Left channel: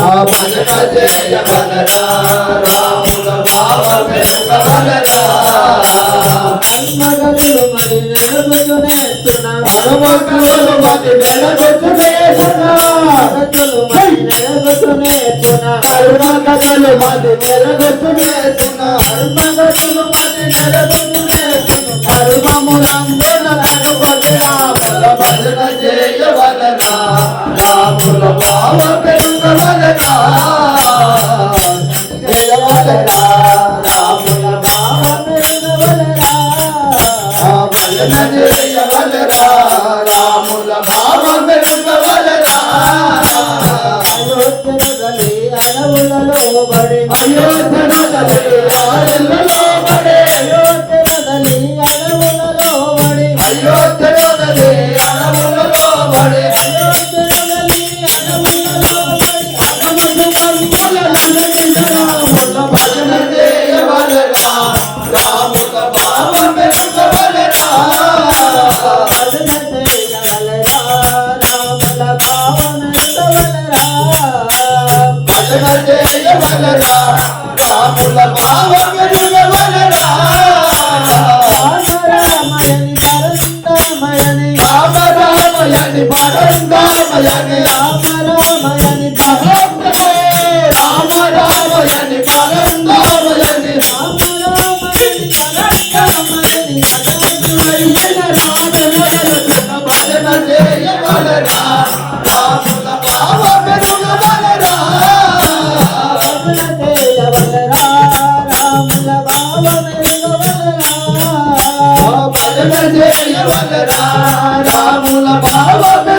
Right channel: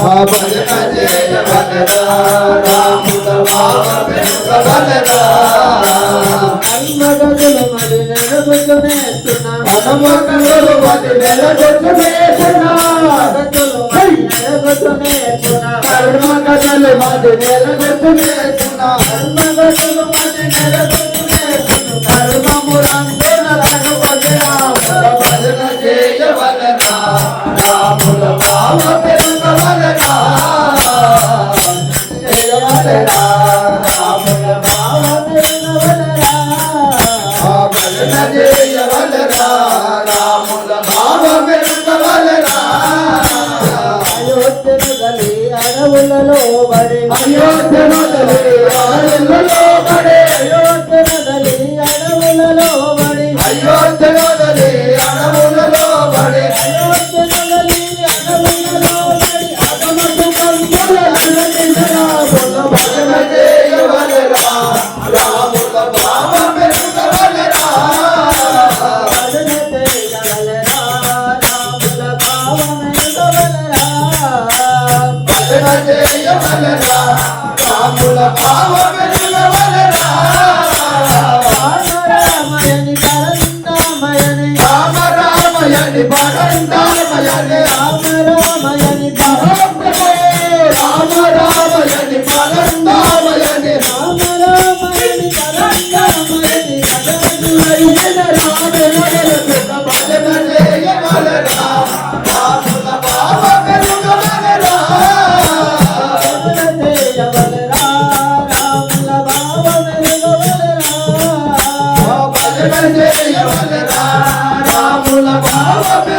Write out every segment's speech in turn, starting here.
భజన చేయ భజనా రాముల భావ పెంప భజనా మన్మగనులు మరి నిలబెట్టునేస్తున్నా హనుమంతులు మరి నిలబెట్టునేస్తున్నా భక్తులు మరి నిలబెట్టునేస్తున్నా కరుణకనులు మరి నిలబెట్టునేస్తున్నా హనుమగనులు మరి నిలబెట్టునేస్తున్నా ధర్మములందున చేయవలరా రాముల భావమే ఇవ్వవలరా అయోధ్యనగలే అడవులలో పడే అయోధ్యనగలే పడే. I love it.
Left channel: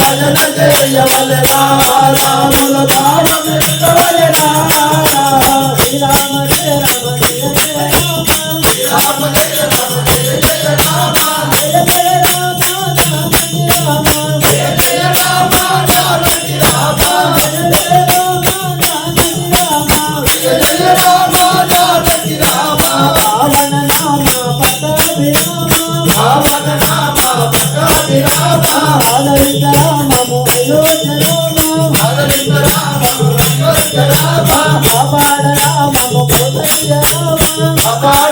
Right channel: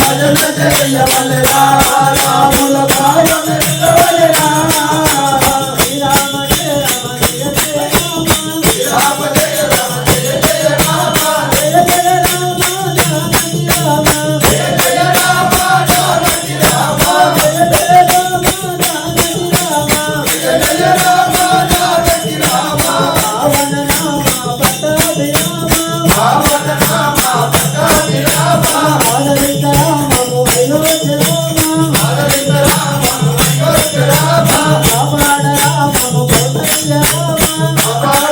భజన జయ బలరా రాముల భావన బలరా Bye-bye.